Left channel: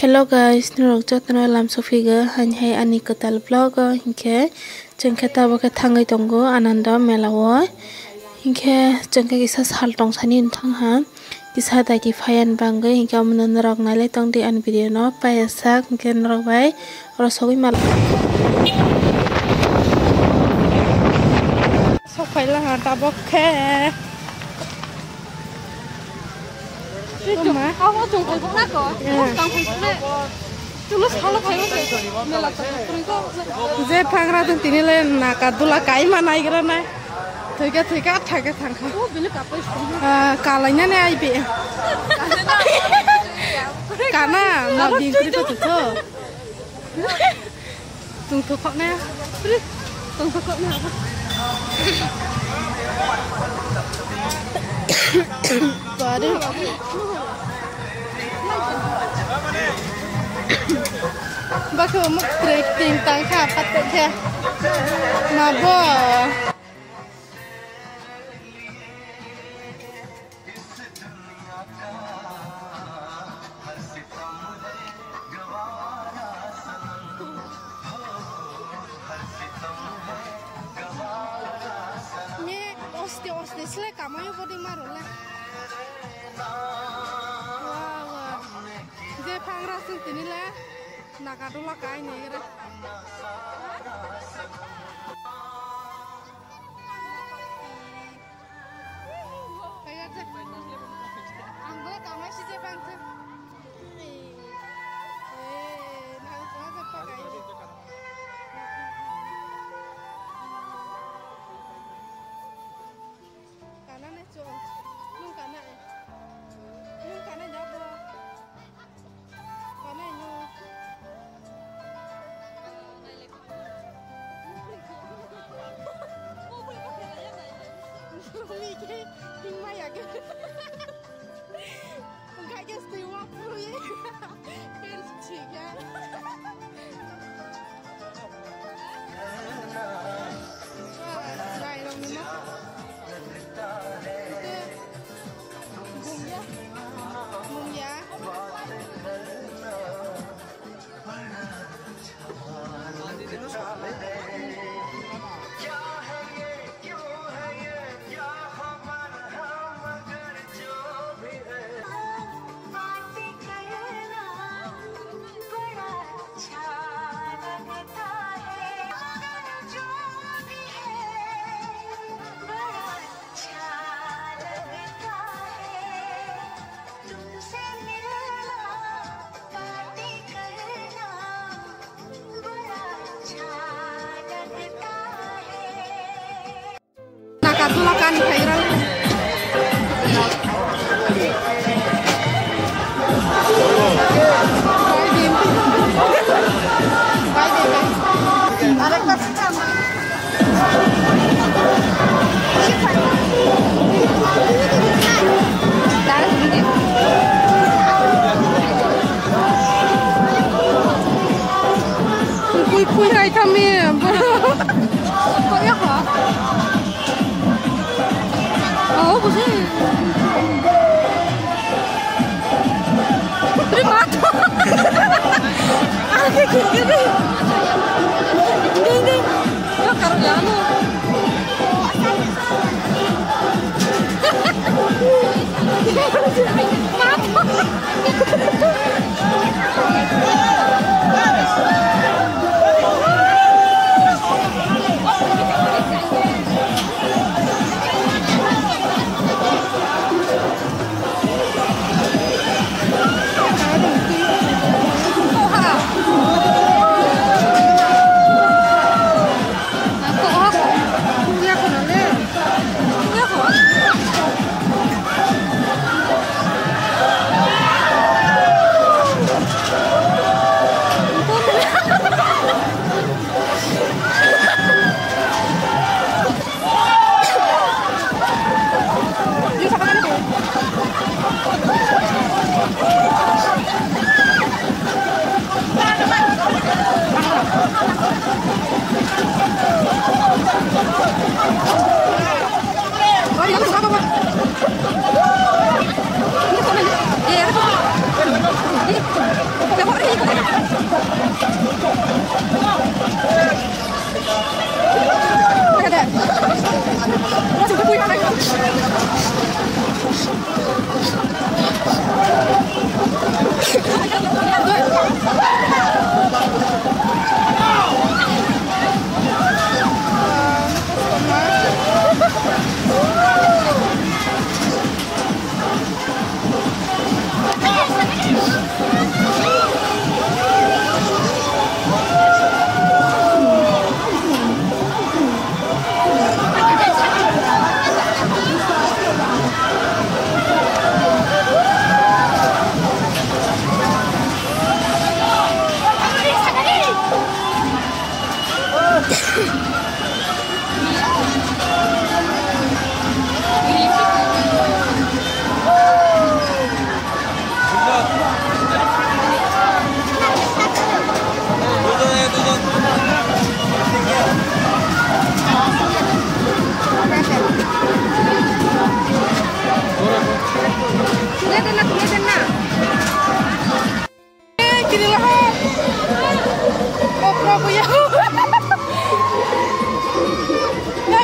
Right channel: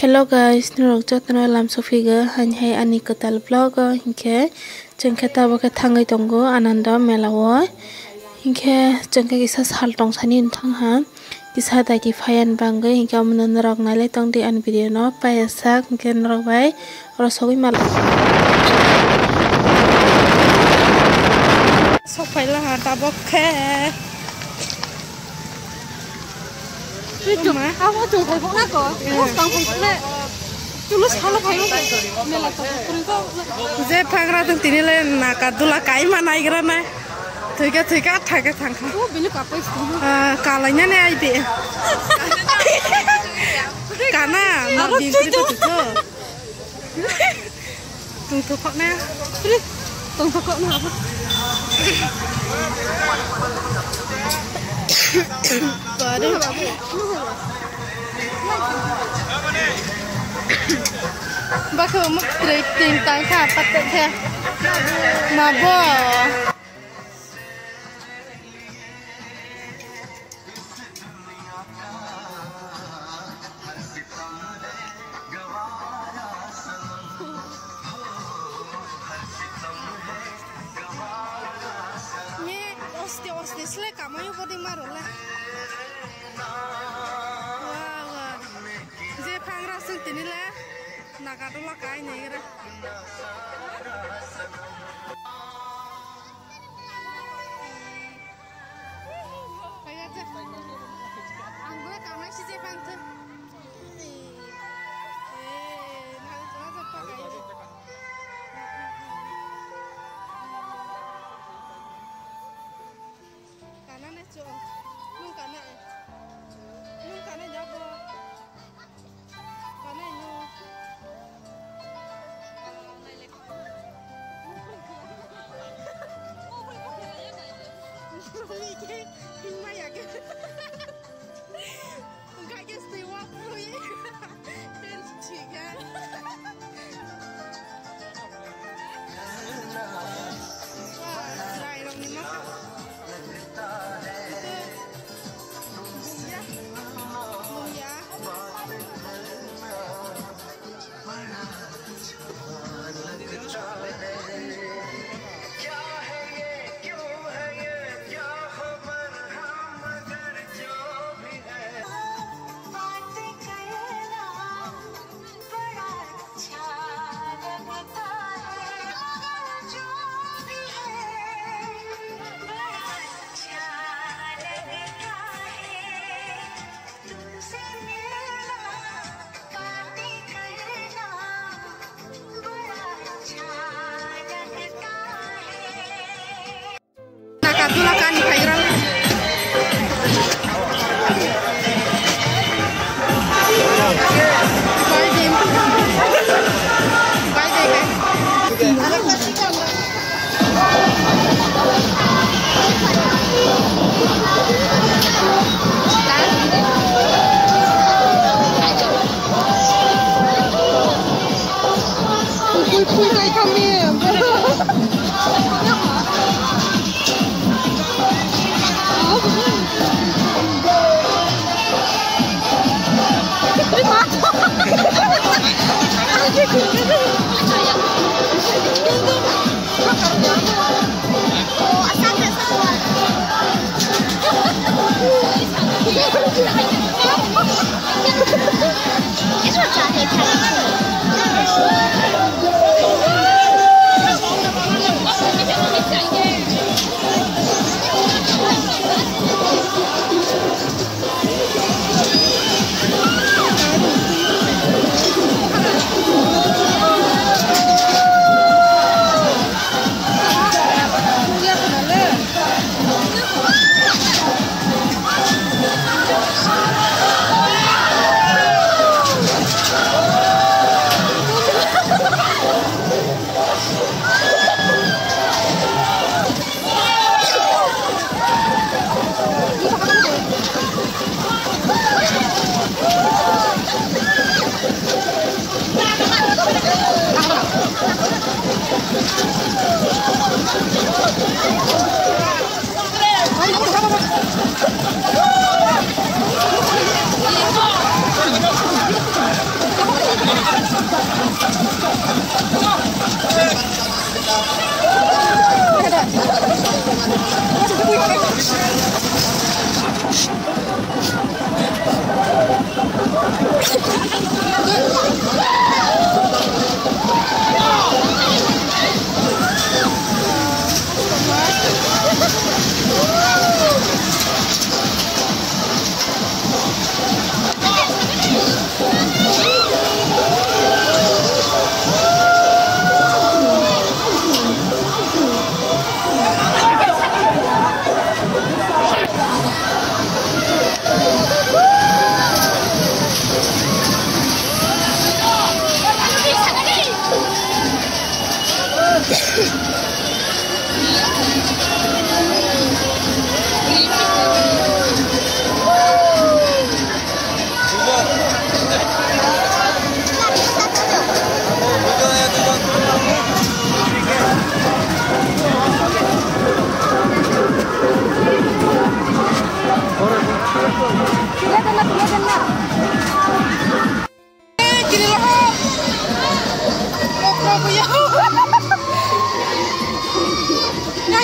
Hello guys, nurok jotno lam sofiga hanhai ani ketal vlog hingke jengke tabo ke thangai tongo ananda melao hingke jengke kisa sal tong sani thangha kisa daki phayan bangai hingke amna nurok nale tong di an video no paisa hingke nurok bai rosogui mal sofaila ha tabo ke Cuma, kamu coba kok kok? Kamu pernah tulus kalau kamu je phangra tong tini le nakadula kai mana igra na thika thika thaka thangkha kalainya ne ai be kana ma bingkri to to tung to kok na Baru Baku mak trekking tangka patek ya Mabo Osti sle kamu bodi marole wah je phangra sung tini le nakadula kai nei gra kaya je anggo kamai si je phantu na jana pakai nung kana jabo kana nyu Mike hingma ya ke enggak guys dewa pro ya dan ciga wah dry dong nih mah nakadula kan viral bye deh Kurai kami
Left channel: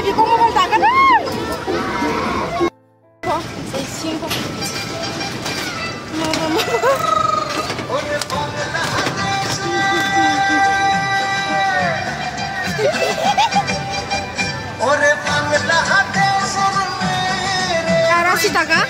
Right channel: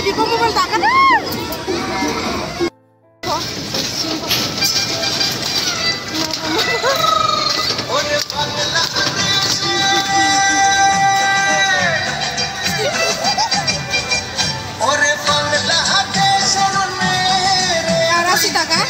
Di bawah mobil tak ada. Kok, singkong. Arah sih tak kan?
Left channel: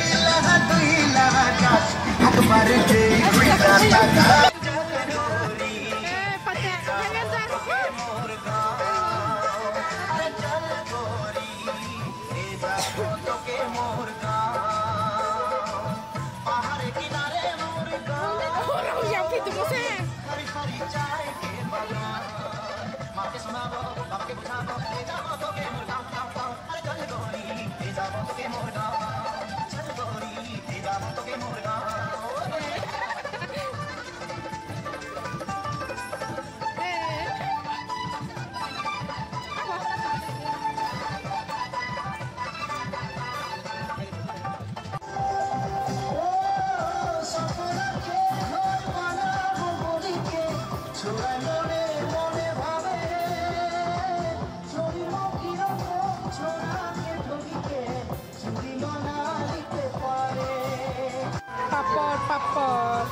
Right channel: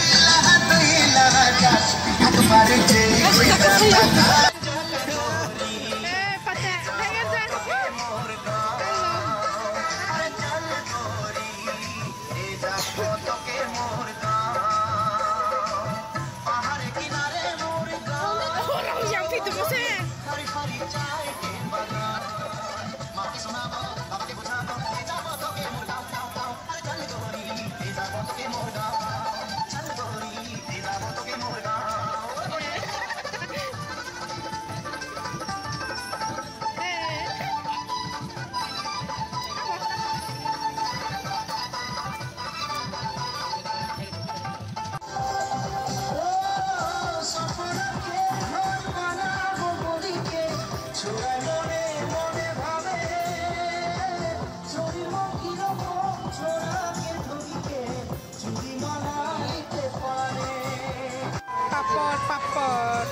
Papor.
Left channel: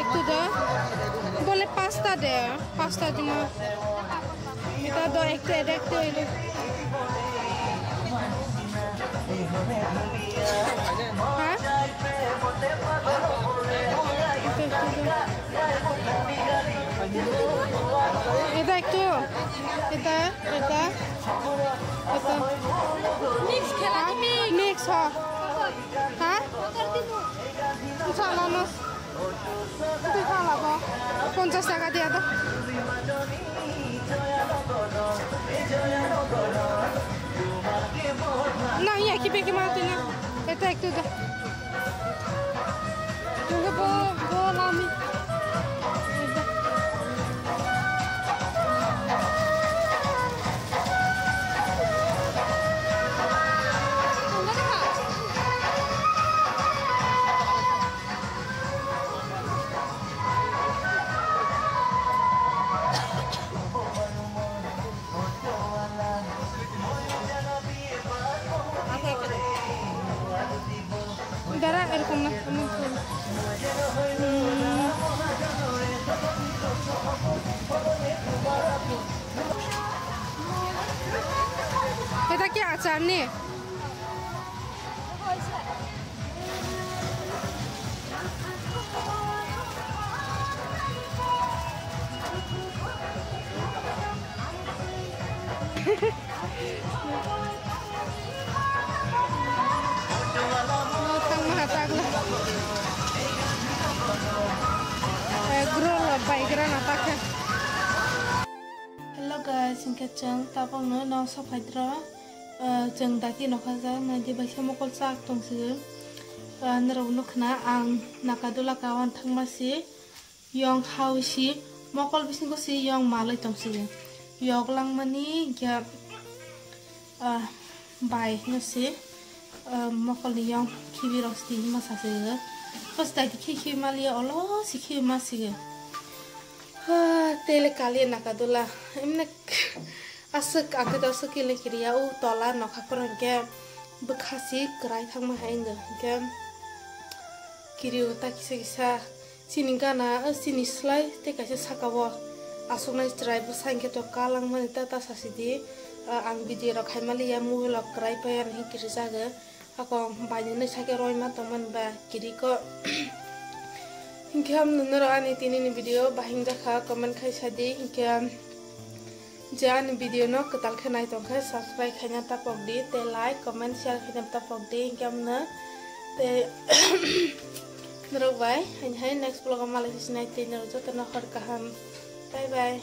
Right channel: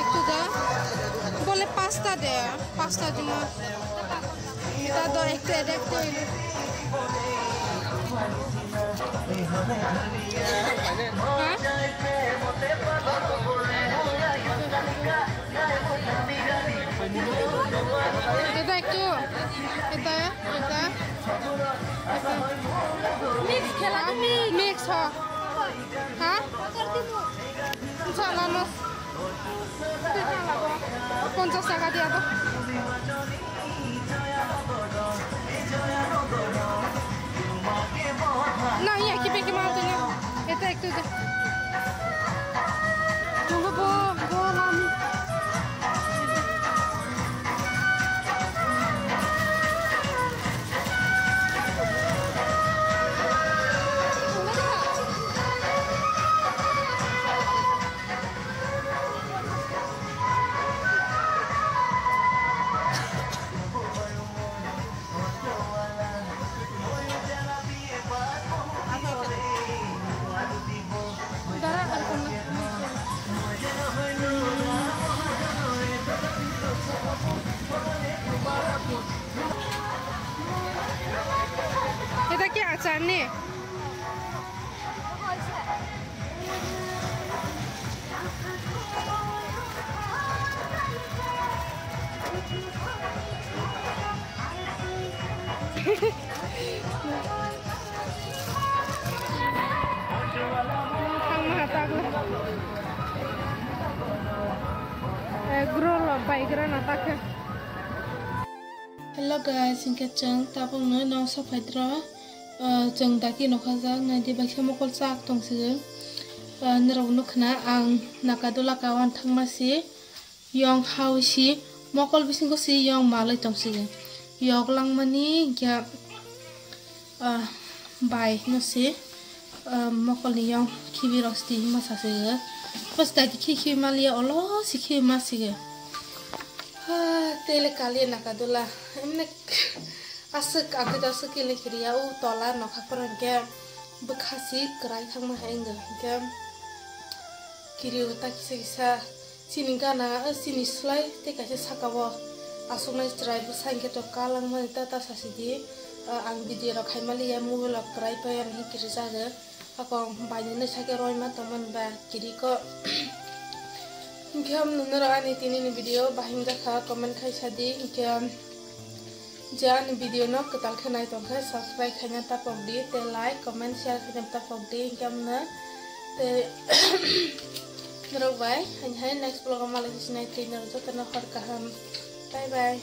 Itu dah. Boleh pasta deh, pasta cuma. Kita ada ekte ini. Hah? Kita. Mix খেলা তুমি mix হ্যাঁ চালানো তুই খাওয়াব 50 টাকা দিয়া তো না ইয়া কি বেকে মারতে না এটা একটু দা তুমি বল আমি এটা কি আচার নে Hello guys, singkat ceng tapong na nong sa paidra ceng daki no kaza na di baksha mokol sak tong sig nerunuk na ang nakadula kawan thang masi yong hausi mokol bising ko si yong malay tong sig yok lang mani ya bai no si mokol ni yong kibi rosti masa sig pas daki ki malia olo si ki masig tele kali nakadula emne asuk aku to sekili kiriya u tola nokha korangke bekhasi kerai thangma hainga ke kiriu ta kisa sini gana sini slai te kaise sakawo asuknai trai bu sangke to kalang mani ta sasidi ang video rok khaimali ya mobile rok kerai payan hi kiri jaga ako banyune sake roi ma taman ba kiri ko ingam nunero ani tini video bahing jakha comment khai sadi ingam jan video no ketal khanai tongkha subscribe khanya tapok di te like comment share khanya tapok di ingam na te nero bai hai next vlog ma lagi sinai te nero jotna khar kaham bye bye.